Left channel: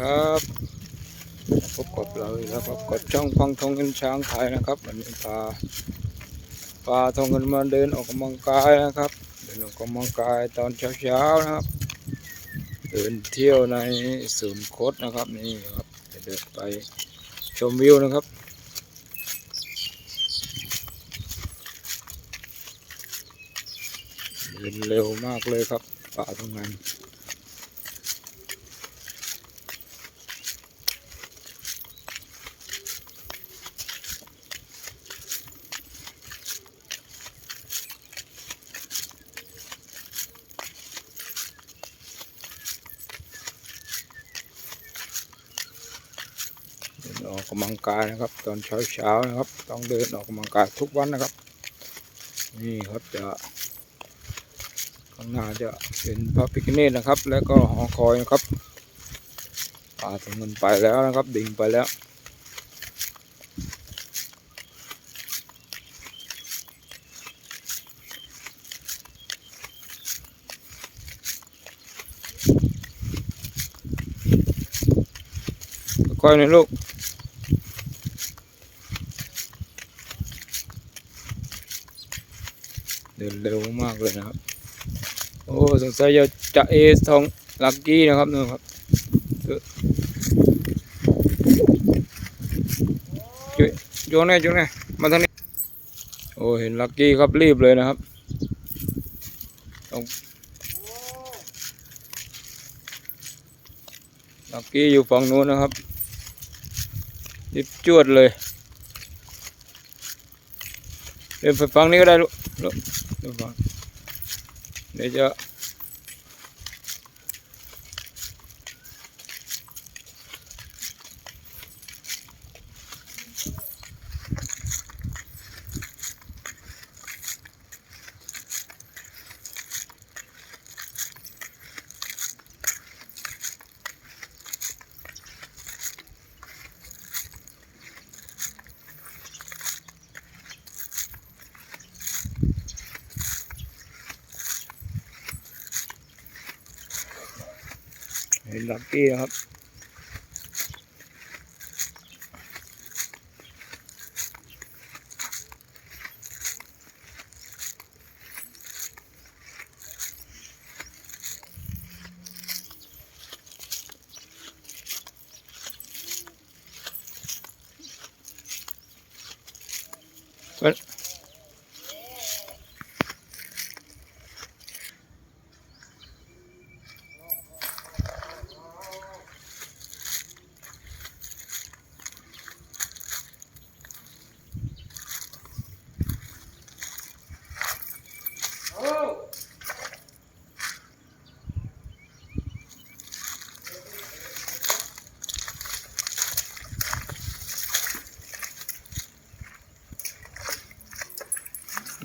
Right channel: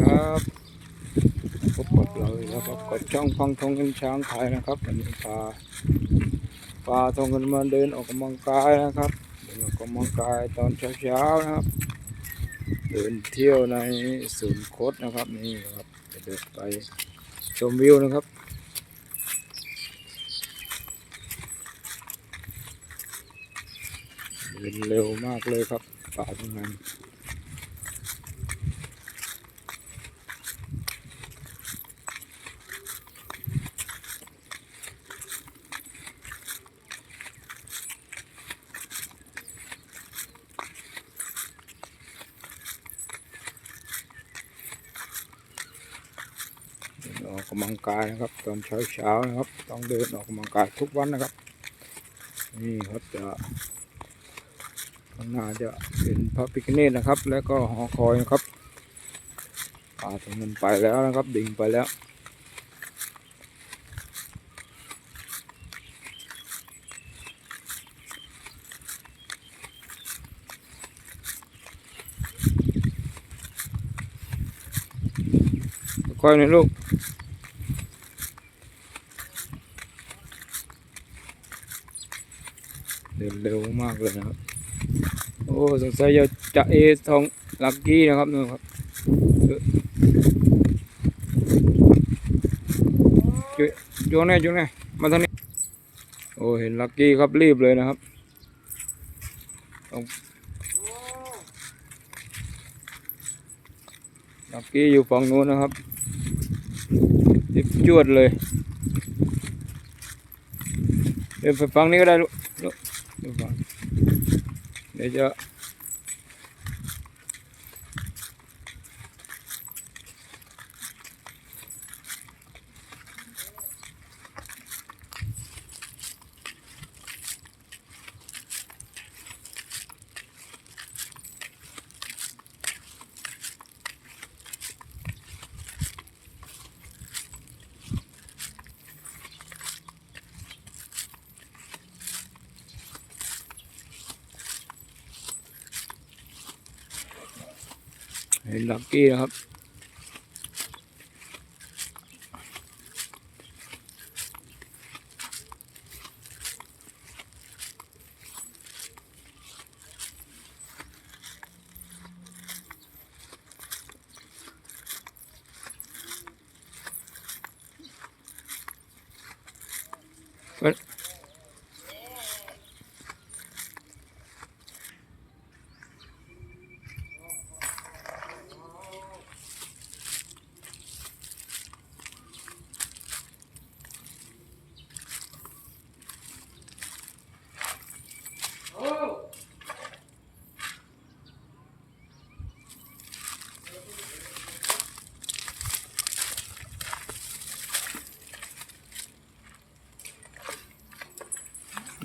ครับพบกับเราแล้วครับกับช่องฟังทองเงินช้างไทยนะครับวันนี้พาพาทองเงินมาเดินออกกำลังกายนะครับ เดินออกกำลังกายตอนเช้าๆนะครับ เดินเที่ยวในศูนย์โคดนะครับนี่ครับเดินไปชมวิวนะครับเดินเร็วมากเลยครับป่าตรงนั้น กกำลังกายนะครับ ตอนเช้าเช้าๆนะครับ ต้องเดินออกกำลังกายทุกวันนะครับ นี่ครับจะข้างหน้าจะเป็นพระพิฆเนศนะครับ แล้วก็หอคอยนะครับป่าตรงเงินไปแล้วนะครับ ดิ่งไปแล้วค่อยหนะลูก ดินเร็วมากเลยนะครับ โอ้สงสัยจะจะเอทองลักกี้นะครับนู่นครับจุ๊ยโยนแน่โยนแน่มาทางนี้ โอ้เห็นลักกี้ครับรีบเลยนะครับต้องลักกี้อยู่ฝั่งนู้นนะครับรีบจวดเลยเดินไปฝั่งนี้ก็ได้ลูก เดี๋ยว เห็นลักกี้นะครับ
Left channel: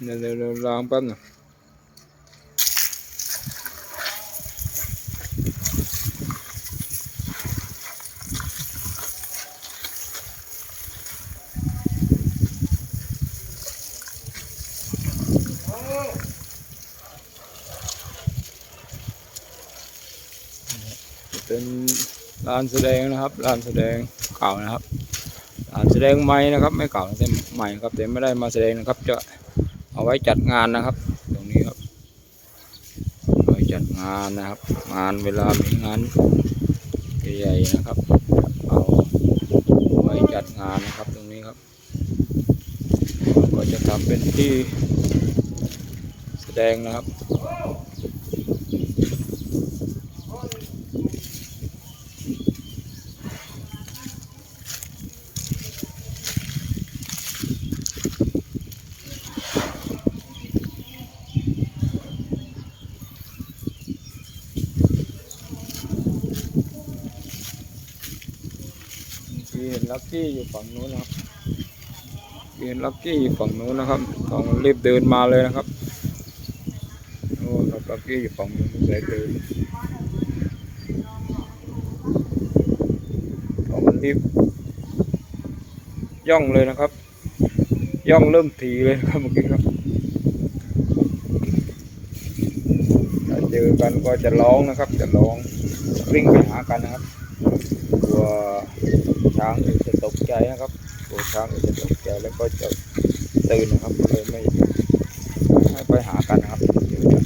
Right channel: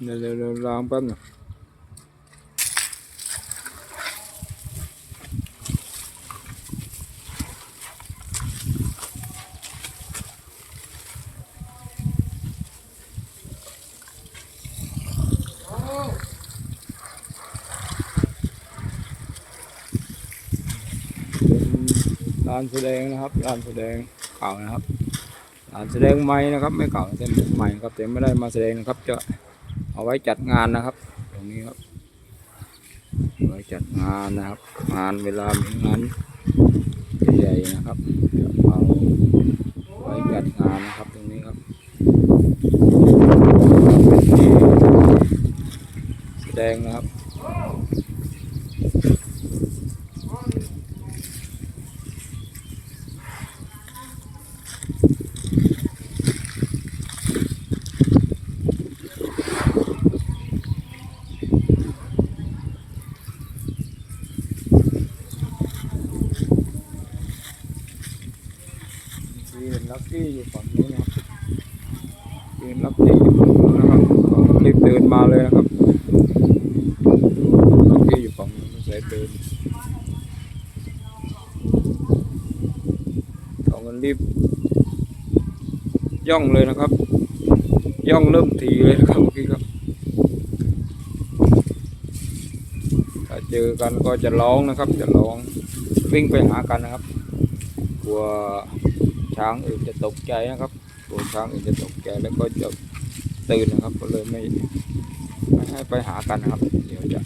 เดี๋ยวเดี๋ยวล้างแป๊บนึงเป็นลานแสดงนะครับลานแสดงเก่านะครับลานแสดงใหม่นะครับ ไม่เก่าแต่ใหม่ครับแต่ไม่ได้มาแสดงนะครับจะ เอาไว้จัดงานนะครับ ตรงนี้ครับไว้จัดงานนะครับ งานเวลามีงานใหญ่ๆนะครับ เอาไว้จัดงานนะครับตรงนี้ครับก็จะทำเป็นที่แสดงนะครับ ยืนลักกี้อยู่ฝั่งนู้นนะครับยืนลักกี้อยู่ฝั่งนู้นนะครับเขารีบเดินมาเลยนะครับดูลักกี้อยู่ฝั่งนู้นสายเดินเขามันรีบย่องเลยนะครับ ย่องเริ่มทีเลยนะครับเมื่อกี้ครับถ้าเจอกันก็จะร้องนะครับ จะร้องวิ่งไปหากันนะครับกลัว ช้างอื่นจะตกใจนะครับตัวช้างอื่นจะตกใจแล้วก็จะตื่นนะครับก็เลยไม่ไม่ให้ไปหากันนะครับเดี๋ยวจะ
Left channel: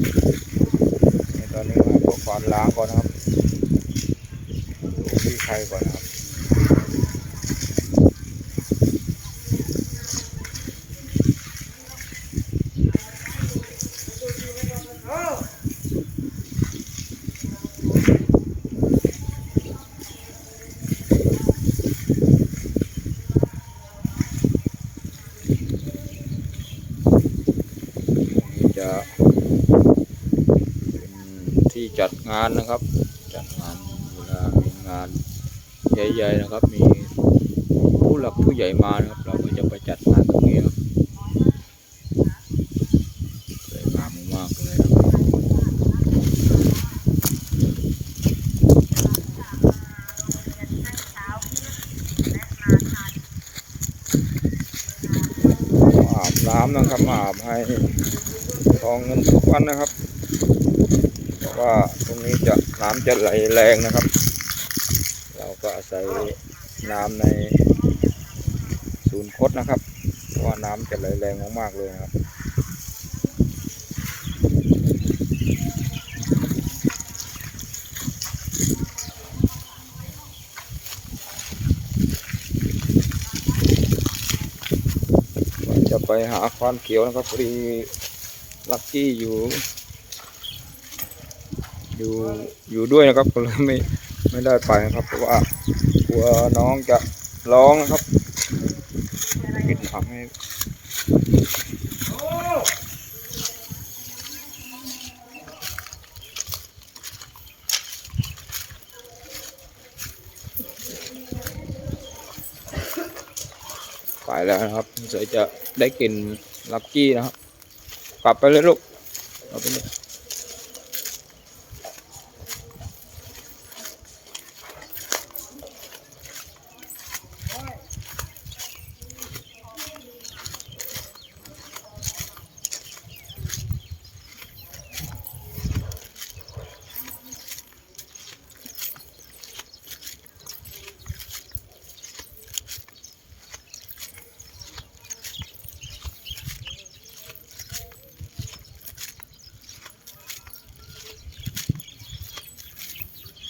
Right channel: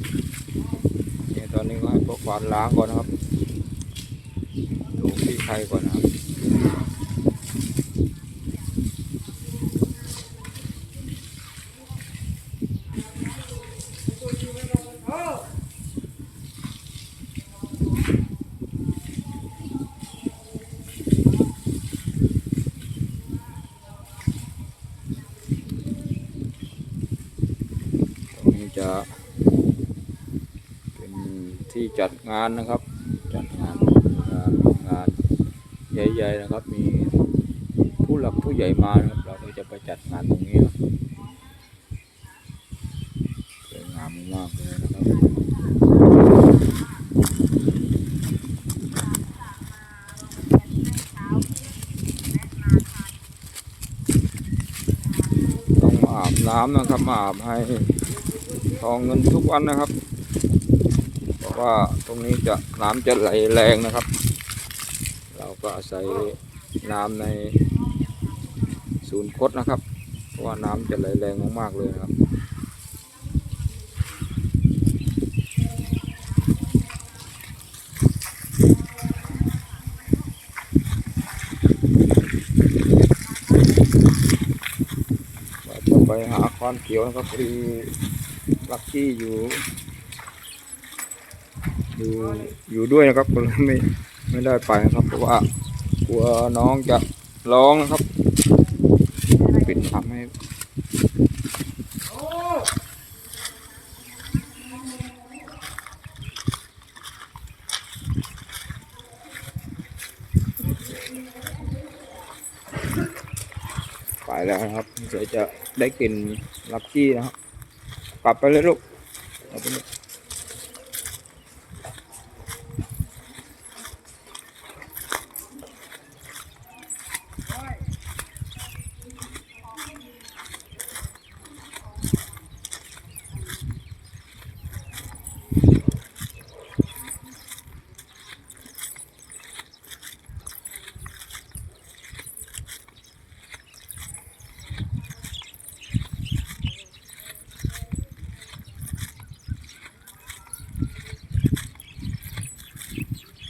เนี่ยตอนนี้ก็ให้พวกควานล้างก่อนนะครับดูที่ใครก่อนนะครับ นี่จะ เป็นที่จัดงานนะครับ จัดงานเวลามีงานใหญ่ๆนะครับ มีผู้หลักผู้ใหญ่มานะครับ เราก็จะไปจัดงานตรงนี้ครับสวยงามมากเลยนะครับอาบน้ำนะครับมาอาบให้ ทองเงินทุกวันนะครับ เพราะว่าตรงนี้จะน้ำจะไหลแรงนะครับ เราก็อาศัยน้ำในศูนย์คดนะครับ เพราะว่าน้ำจะไหลแรงมากๆเลยนะครับจะไปหาควานเขียวนะครับพอดี ลักกี้อยู่ อยู่อยู่ด้วยนะครับก็เลยไม่ไม่ได้ไปนะครับ เพราะว่ากลัวน้องจะร้องนะครับปิดผังให้ไปแล้วนะครับเดี๋ยวจะได้กินลักกี้นะครับ ปรับไปเลยลูกเอาไปเลย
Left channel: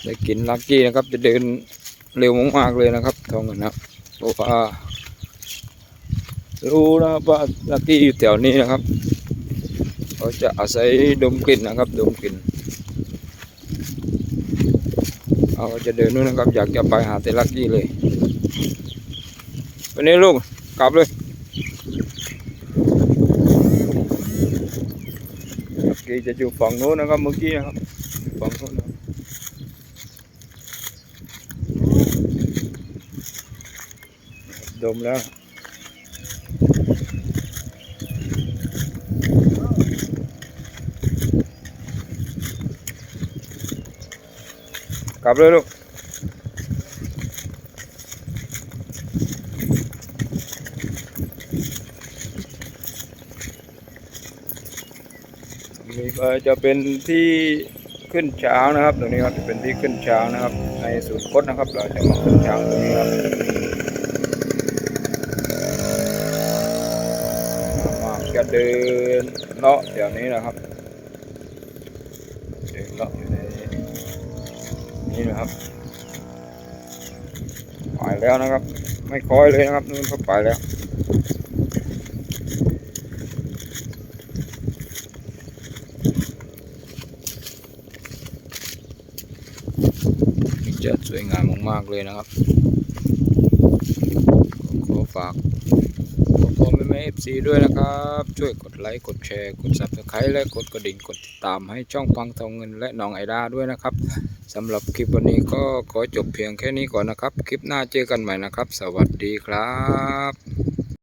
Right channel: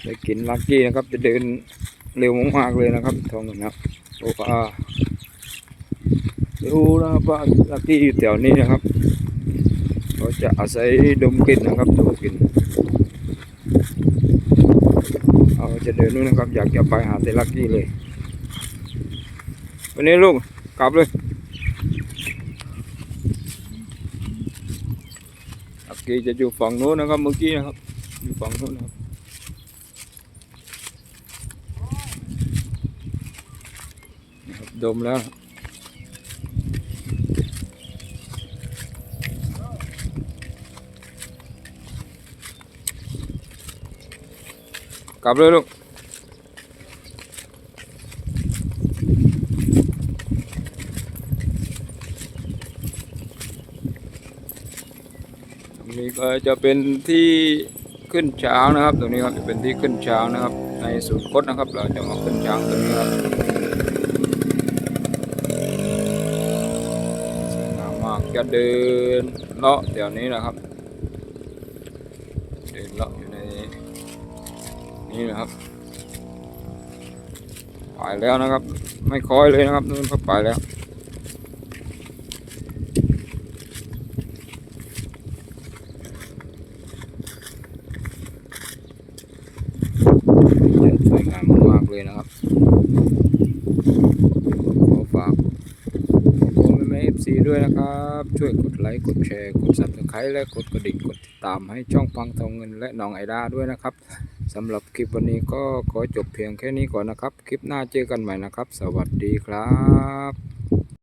ได้กินลักกี้นะครับ จะเดินเร็วมากๆเลยนะครับทองเงินนะครับเพราะว่ารู้นะครับว่าลักกี้อยู่แถวนี้นะครับเขาจะอาศัยดมกลิ่นนะครับดมกลิ่นเขาจะเดินนู่นนะครับ อยากจะไปหาแต่ลักกี้เลยวันนี้ลูกกลับเลยลักกี้จะอยู่ฝั่งโน้นนะครับเมื่อกี้นะครับอยู่ฝั่งโน้นนะครับ ดมแล้วกลับเลยลูกตรงนี้ก็จะเป็นที่ขึ้นช้างนะครับ ตรงนี้ครับจะเป็นที่ขึ้นช้างนะครับ ในศูนย์คดนะครับ เราจะมาขึ้นช้างตรงนี้ครับ มา กจะเดินเลาะแถวนี้นะครับ เดินเลาะอยู่ในนี้นะครับไปแล้วนะครับ ไม่คอยเลยนะครับนู่นเขาไปแล้วจะสวยงามมากๆเลยนะครับ ขอฝาก ขอบ คุณแม่เอฟซีด้วยนะครับ ช่วยกดไลค์ กดแชร์ กด subscribe และกดกระดิ่ง กดติดตามให้ช่องพังทองเงินและน้องไอดาด้วยนะครับสำหรับคลิปวันนี้ก็ขอจบเพียงแค่นี้ก่อนนะครับ คลิปหน้าเจอกันใหม่นะครับ สวัสดีครับ